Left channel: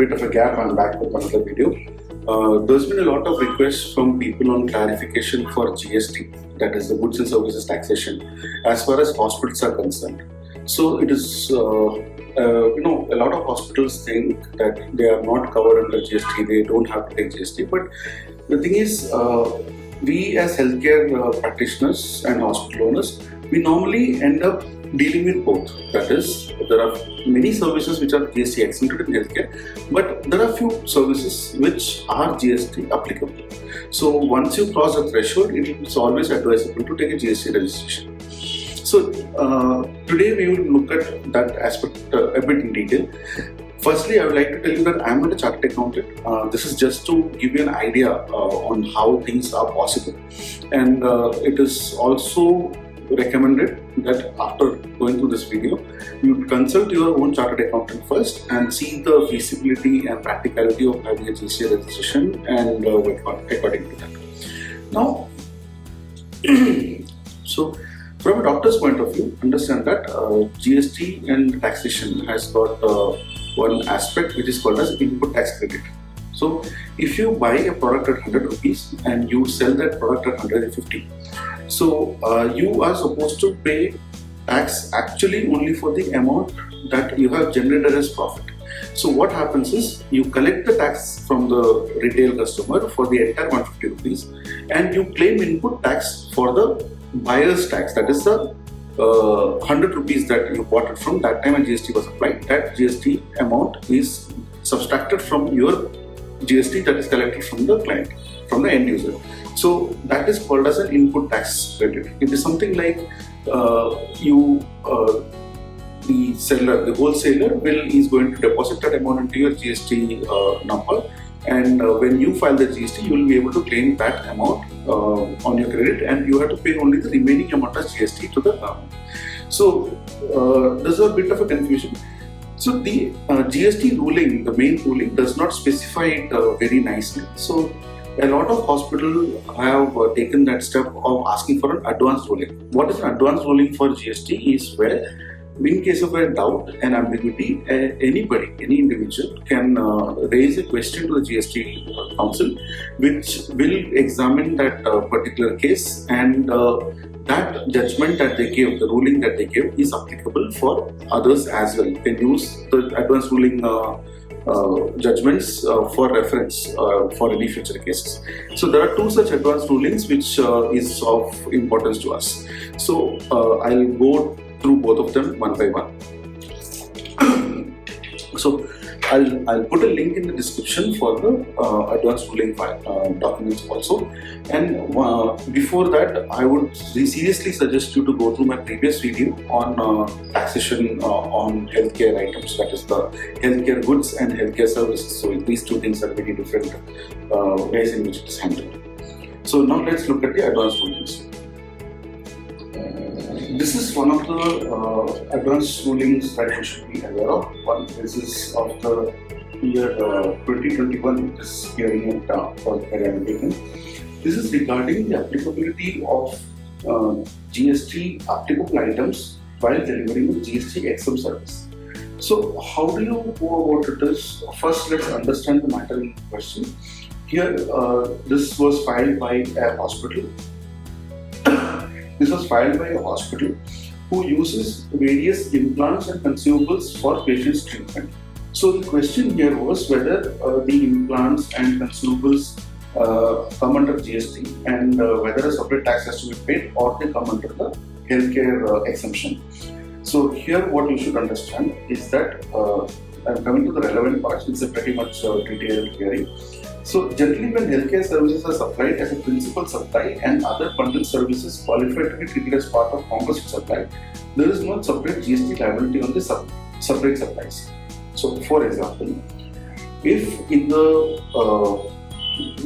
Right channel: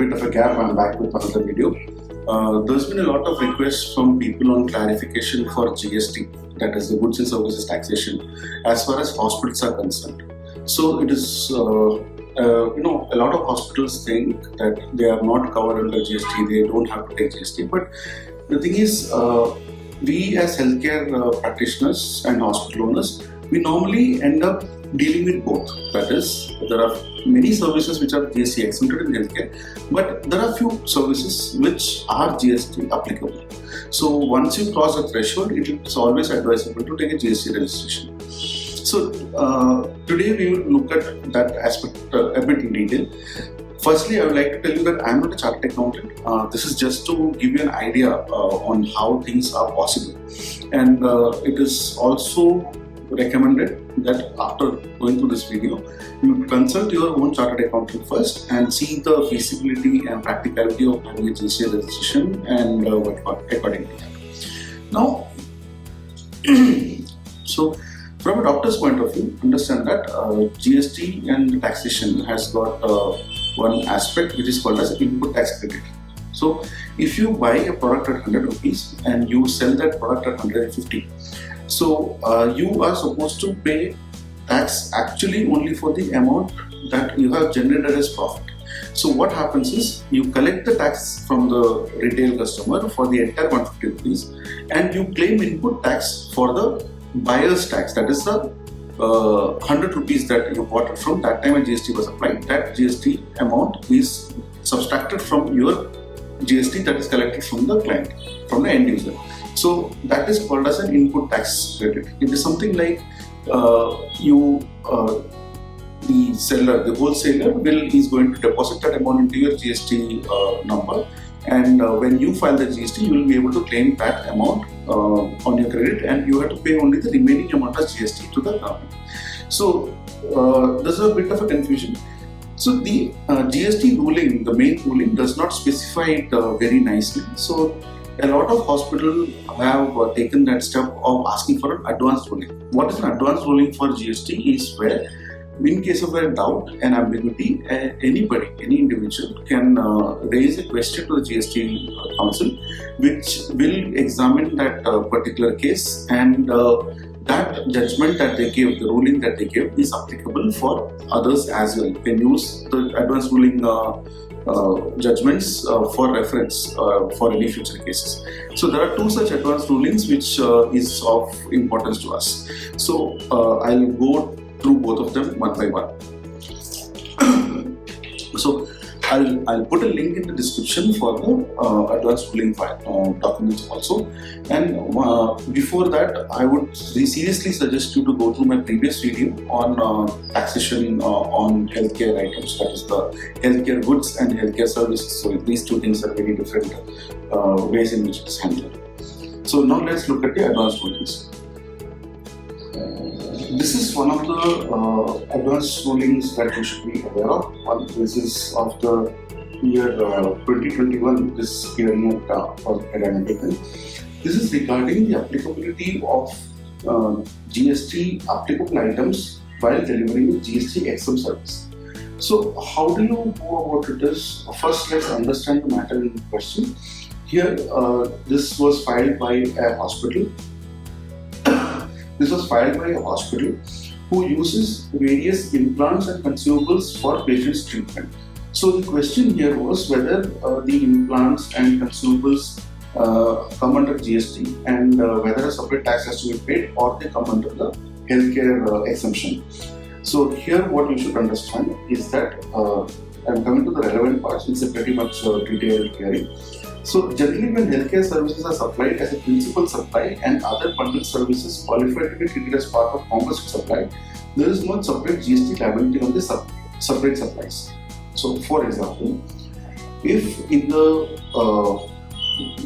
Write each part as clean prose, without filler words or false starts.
bit of a gap, I'm back with another video. There's been a lot of requests from people on clarification for GST, that is the goods and services taxation, as far as hospitals are concerned. So it is, a lot of hospitals think that they are not covered under GST, they don't have to take GST. But the thing is, we as healthcare practitioners and hospital owners, we normally end up dealing with both. That is, there are many services which are GST exempted in healthcare, but there are few services which are GST applicable. So once you cross the threshold, it is always advisable to take a GST registration. So today we will look at that aspect a bit in detail. Firstly, I would like to tell you that I am not a chartered accountant. This is just to give you an idea on how things are possible. And it is also recommended that after going through this video, you consult your own chartered accountant first and see the feasibility and practicality of having a GST registration and work according to that. Now, so from a doctor's point of view, understand that GST and taxation has got one aspect which is called as input tax credit. So if you buy a product at 100 rupees and you sell that product at 150, so you are supposed to pay tax actually only for the amount that you have generated as profit. So what happens is you collect the tax from the retail customer for the entire 150 rupees and you claim input tax for the buyer's tax, that is the 100 rupees that you bought it from. That time a GST was applied, that GST amount is subtracted from your GST that is collected from the client, from the end user. So that is called as an input tax credit. It is something like the seller, the wholesaler is going to deposit that amount into your GST number, and when you file the GST, you will be able to claim that amount on your credit, and you have to pay only the remaining amount of GST to the government. So there's a bit of a confusion. So the GST ruling, the main ruling, does not specify it very nicely. So a lot of hospitals have taken that step of asking for an advanced ruling. What is an advanced ruling for GST is where, in case of a doubt and ambiguity, anybody, any individual can raise a question to the GST council, which will examine that particular case, and that judgment that they give, the ruling that they give, is applicable for others as well. You can use the advanced ruling judgments for reference for any future cases. So there are two such advanced rulings which is of importance to us. So I'll go through both of them one by one. So I'll put a link in the description for the advanced ruling file documents also. And before that, I would seriously suggest you to go through my previous video on taxation on healthcare items, that is the healthcare goods and healthcare services. So these two things are very different ways in which it is handled. So now let's look at the advanced rulings. This is one of the advanced rulings that you should be aware of. This is of the year 2021, this hearing for academic. This is regarding the applicability of GST applicable items while delivering a GST exempt service. So how do you go about it is, first let's understand the matter in question. Here this was filed by a hospital. This was filed by a hospital who uses various implants and consumables for patients' treatment. So the question here was whether the implants and consumables come under GST and whether a separate tax has to be paid or they come under the healthcare exemption. So here what you should understand is that, I'm coming to the relevant parts, it's a pretty much detailed hearing. So generally when healthcare services are supplied as a principal supply and other bundled services qualified to be treated as part of composite supply, there is no separate GST liability on the separate supplies. So for example, if in the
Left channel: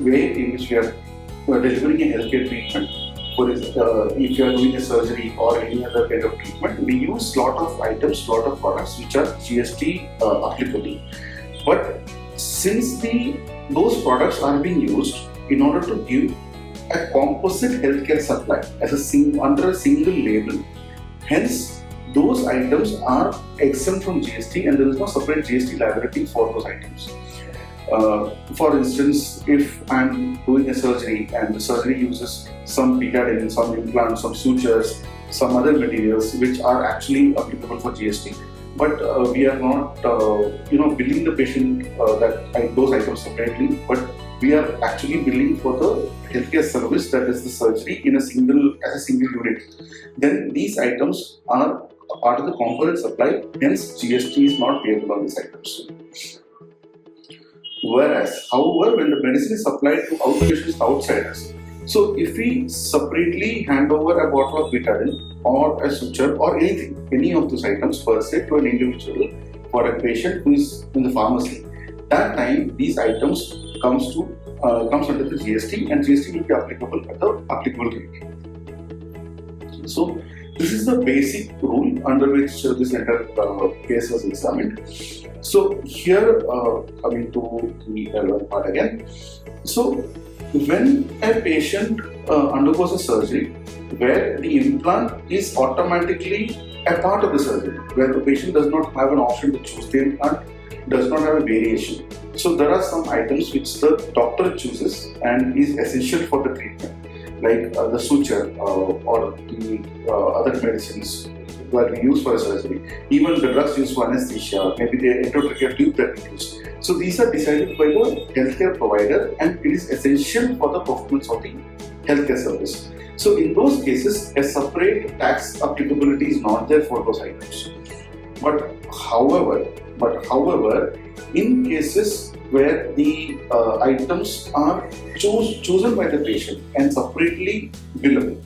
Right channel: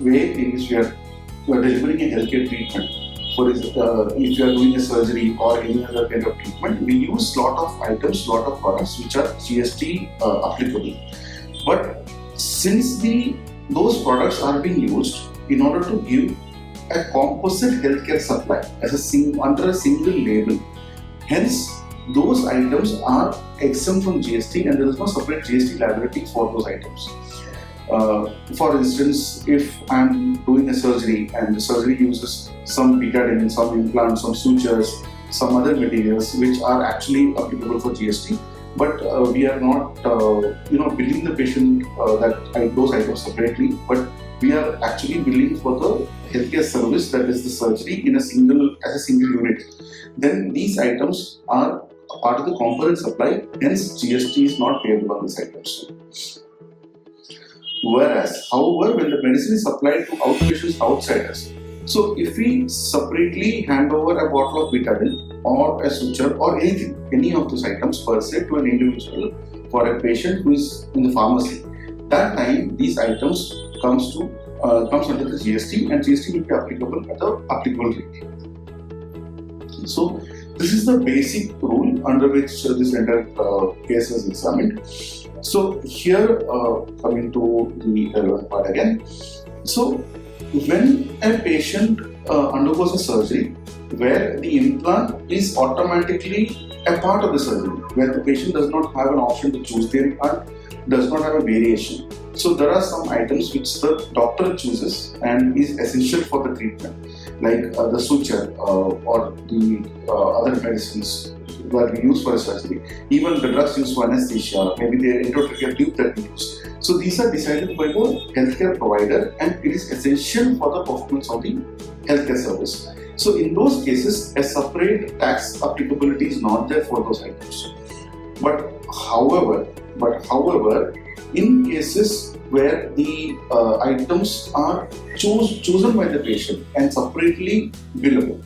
way in which we are delivering a healthcare treatment, for example, if you are doing a surgery or any other kind of treatment, we use lot of items, lot of products which are GST applicable. But since those products are being used in order to give a composite healthcare supply as under a single label, hence those items are exempt from GST and there is no separate GST liability for those items. For instance, if I'm doing a surgery and the surgery uses some betadine, some implants, some sutures, some other materials which are actually applicable for GST, but we are not, billing the patient those items separately, but we are actually billing for the healthcare service, that is the surgery, as a single unit. Then these items are a part of the component supply, hence GST is not payable on these items. Whereas, however, when the medicine is supplied to outpatients outside us, so if we separately hand over a bottle of betadine or a suture or anything, any of those items per se to an individual for a patient who is in the pharmacy, that time these items comes under the GST and GST will be applicable at the applicable rate. So this is the basic rule under which this entire case is examined. So here, coming to the relevant part again. So when a patient undergoes a surgery where the implant is automatically a part of the surgery, where the patient does not have an option to choose the implant, does not have a variation. So there are some items which the doctor chooses and is essential for the treatment, like the suture or the other medicines that we use for a surgery, even the drugs used for anesthesia, maybe the endotracheal tube that we use. So these are decided by the healthcare provider and it is essential for the performance of the healthcare service. So in those cases, a separate tax applicability is not there for those items. But however, in cases where the items are chosen by the patient and separately billable,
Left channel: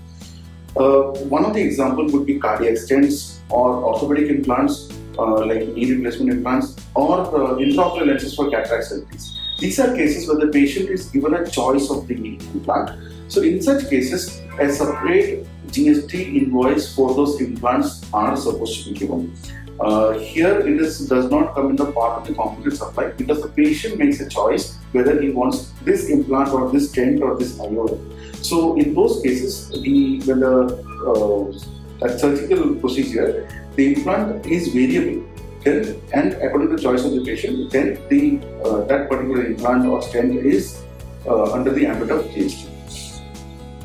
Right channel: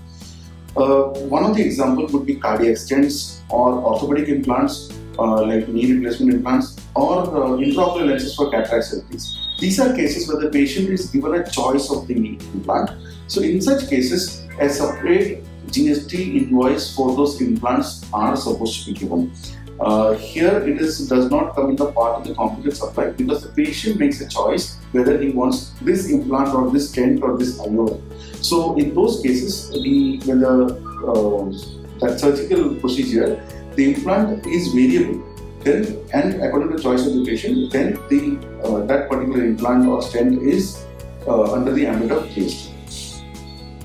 one of the examples would be cardiac stents or orthopedic implants like knee replacement implants or intraocular lenses for cataract surgeries. These are cases where the patient is given a choice of the implant. So in such cases, a separate GST invoice for those implants are supposed to be given. Here it does not come in the part of the component supply because the patient makes a choice whether he wants this implant or this stent or this IOL. So in those cases, when that surgical procedure, the implant is variable, then and according to the choice of the patient, then that particular implant or stent is under the ambit of GST.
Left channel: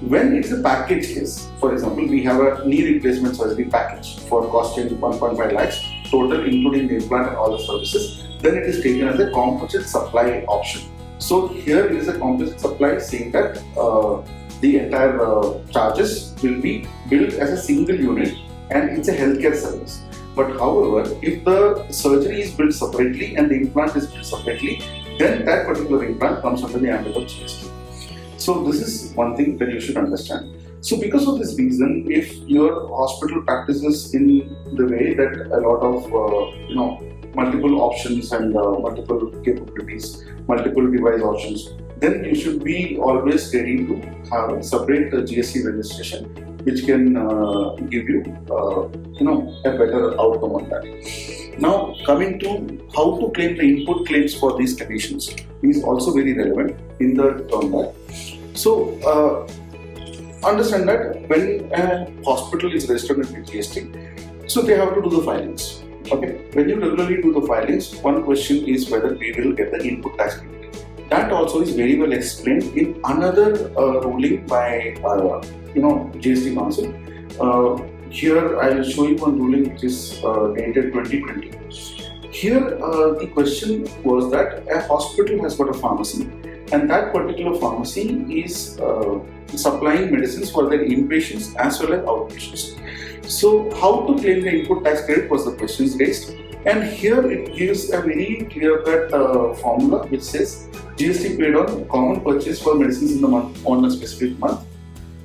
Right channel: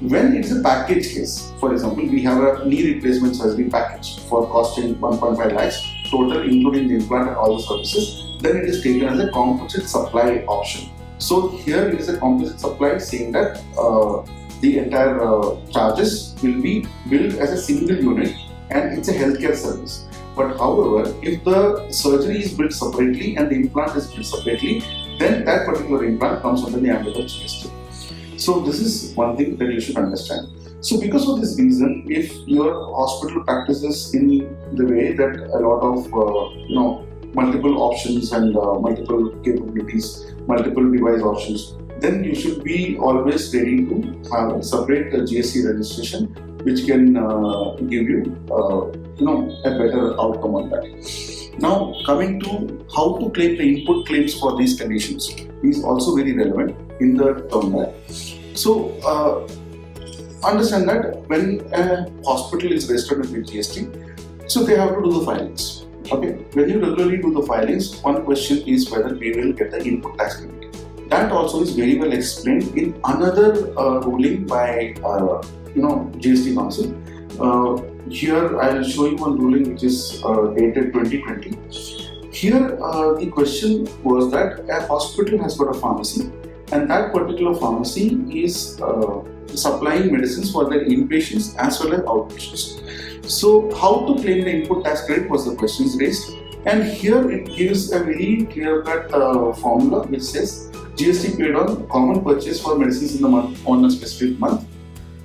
When it's a package case, for example, we have a knee replacement surgery package for costing 1.5 lakhs total, including the implant and all the services, then it is taken as a composite supply option. So here it is a composite supply saying that the entire charges will be billed as a single unit and it's a healthcare service. But however, if the surgery is billed separately and the implant is billed separately, then that particular implant comes under the ambit of GST. So this is one thing that you should understand. So because of this reason, if your hospital practices in the way that a lot of multiple options and multiple capabilities, multiple device options, then you should be always ready to have a separate GST registration, which can give you a better outcome on that. Now coming to how to claim the input claims for these conditions is also very relevant in the term that. So understand that when a hospital is registered with GST, so they have to do the filings. Okay, when you regularly do the filings, one question is whether we will get the input tax credit. That also is very well explained in another ruling by GST Council. Here I will show you one ruling which is dated 2020. Here the question was that a hospital has got a pharmacy and that particular pharmacy is supplying medicines for their inpatients as well as outpatients. So how to claim the input tax credit was the questions raised, and here it gives a very clear-cut formula which says GST paid on common purchase for medicines in the month on a specific month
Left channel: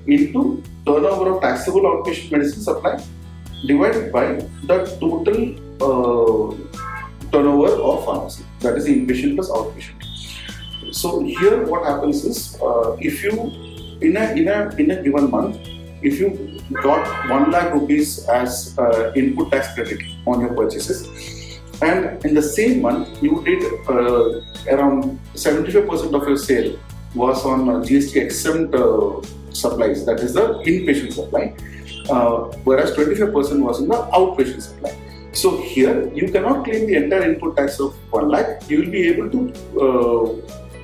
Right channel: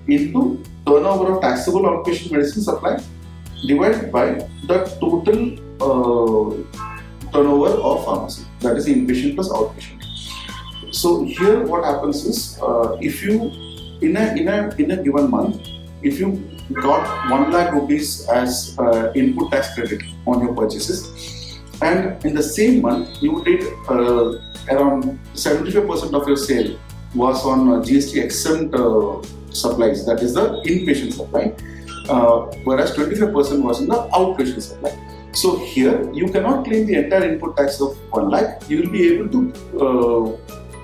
into turnover of taxable outpatient medicine supply divided by the total turnover of pharmacy, that is inpatient plus outpatient. So here what happens is if you in a given month, if you got 1 lakh rupees as input tax credit on your purchases, and in the same month you did around 75% of your sale was on GST exempt supplies, that is the inpatient supply, whereas 25% was in the outpatient supply. So here you cannot claim the entire input tax of 1 lakh. You will be able to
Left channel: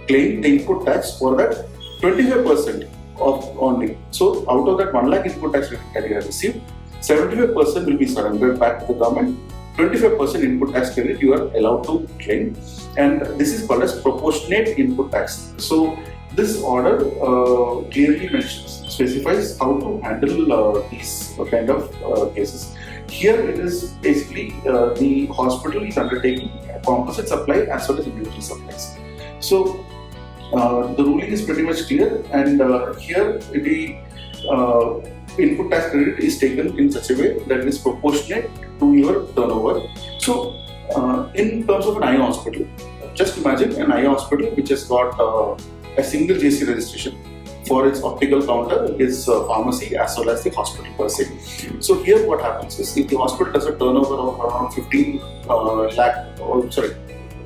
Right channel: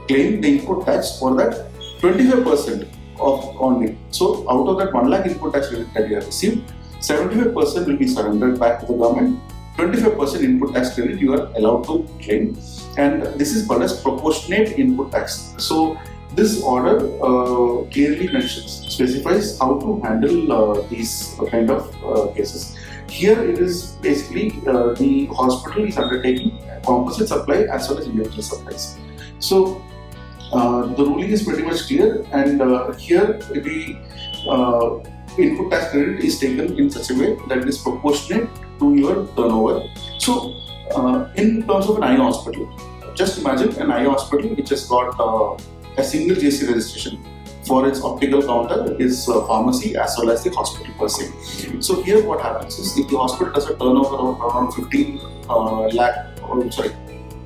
claim the input tax for that 25% of only. So out of that 1 lakh input tax that you have received, 75% will be surrendered back to the government. 25% input tax credit you are allowed to claim, and this is called as proportionate input tax. So this order clearly specifies how to handle these kind of cases. Here it is basically the hospital is undertaking composite supply as well as individual supplies. So the ruling is pretty much clear, and here the input tax credit is taken in such a way that it is proportionate to your turnover. So in terms of an eye hospital, just imagine an eye hospital which has got a single GST registration for its optical counter, its pharmacy as well as the hospital per se. So here what happens is, if the hospital does a turnover of around 15 lakh, or sorry,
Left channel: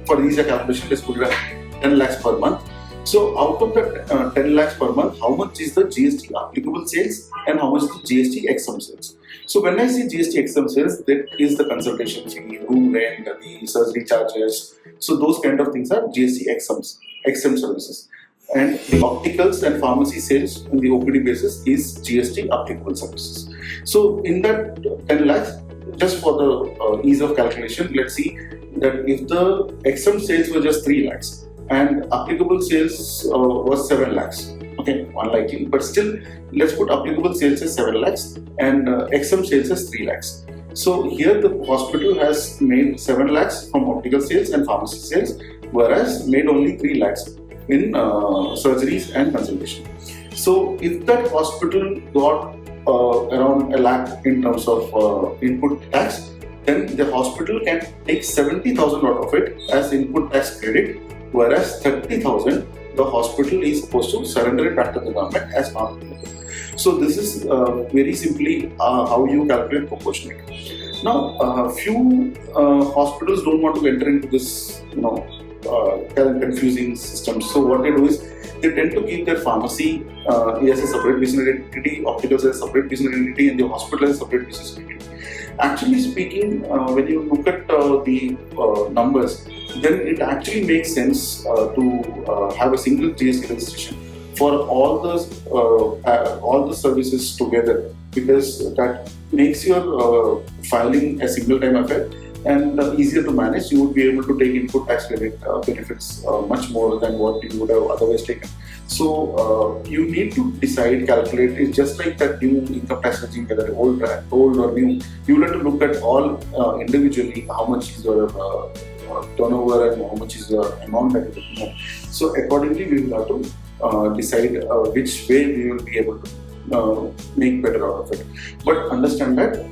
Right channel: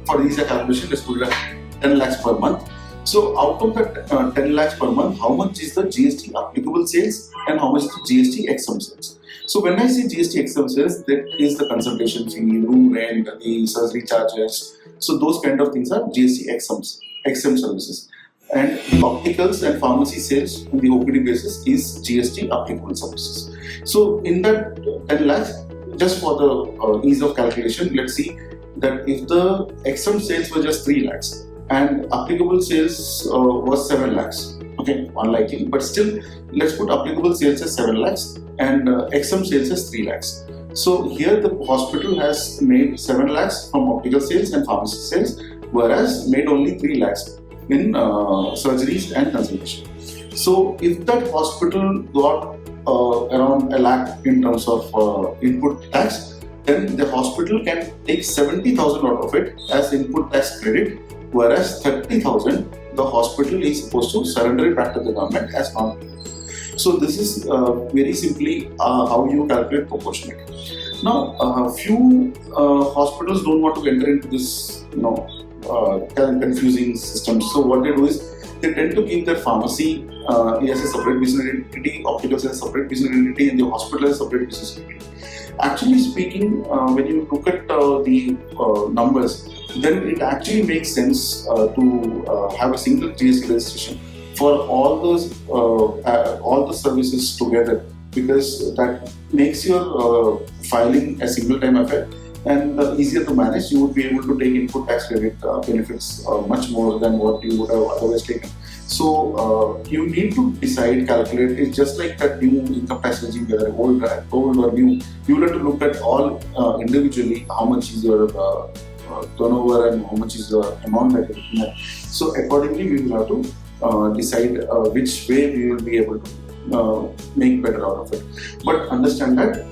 for easier calculation, let's put it at 10 lakhs per month. So out of that 10 lakhs per month, how much is the GST applicable sales and how much is the GST exempt sales? So when I say GST exempt sales, that is the consultation fee, room rent, the surgery charges. So those kind of things are GST exempt services. And the opticals and pharmacy sales on the OPD basis is GST applicable services. So in that 10 lakhs, just for the ease of calculation, let's see that if the exempt sales were just 3 lakhs and applicable sales was 7 lakhs, okay, unlikely, but still let's put applicable sales as 7 lakhs and exempt sales as 3 lakhs. So here the hospital has made 7 lakhs from optical sales and pharmacy sales, whereas made only 3 lakhs in surgeries and consultation. So if that hospital got around 1 lakh in terms of input tax, then the hospital can take 70,000 out of it as input tax credit, whereas 30,000 the hospital is supposed to surrender it back to the government as non-applicable. So this is very simply how you calculate proportionate. Now, few hospitals don't want to enter into this, confusing system. So what they do is they tend to keep their pharmacy as a separate business entity, opticals as a separate business entity, and the hospital as a separate business entity. Actually speaking, when you look at the numbers, then it actually makes sense to have a single GST registration for all the services together, because that makes your filing a single time affair and easier to manage. You would be able to take input tax credit benefits much more than what you would have otherwise taken. So you need to decide, calculate. It's just like that new income tax regime, whether old or new. You will have to look at all individually, how much is your turnover and how much is your amount that you're looking at. So accordingly, we will have to decide which way we will be able to make better out of it. But understand that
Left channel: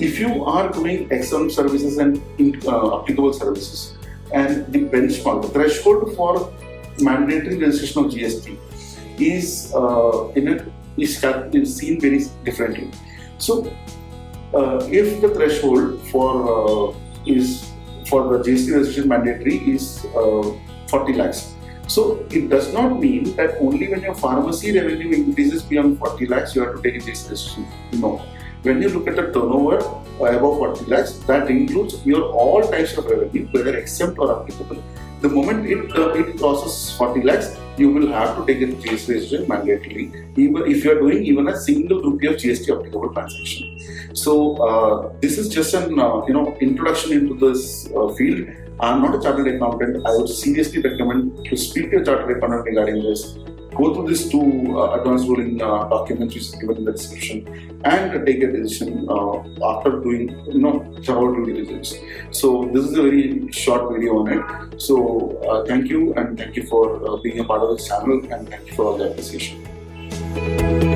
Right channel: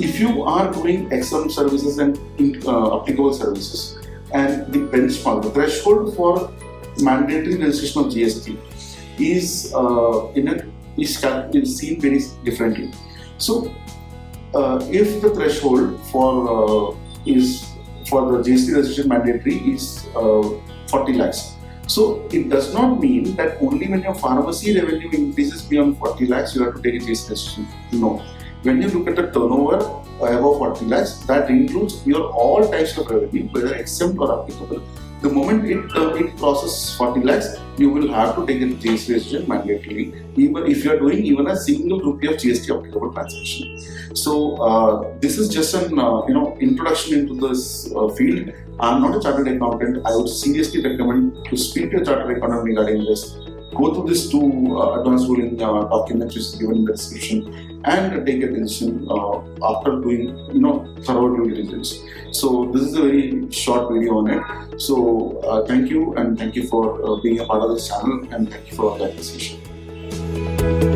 if you are doing exempt services and applicable services, and the benchmark, the threshold for mandatory registration of GST is seen very differently. So if the threshold for the GST registration mandatory is 40 lakhs, so it does not mean that only when your pharmacy revenue increases beyond 40 lakhs you have to take a GST registration. No. When you look at the turnover above 40 lakhs, that includes your all types of revenue, whether exempt or applicable. The moment it crosses 40 lakhs, you will have to take a GST registration mandatorily, even if you are doing even a single rupee of GST applicable transaction. So this is just an introduction into this field. I am not a chartered accountant. I would seriously recommend to speak to a chartered accountant regarding this. Go through these two advanced ruling documents which is given in the description, and take a decision after doing thorough due diligence. So this is a very short video on it. So thank you, and thank you for being a part of this channel, and thank you for all the appreciation.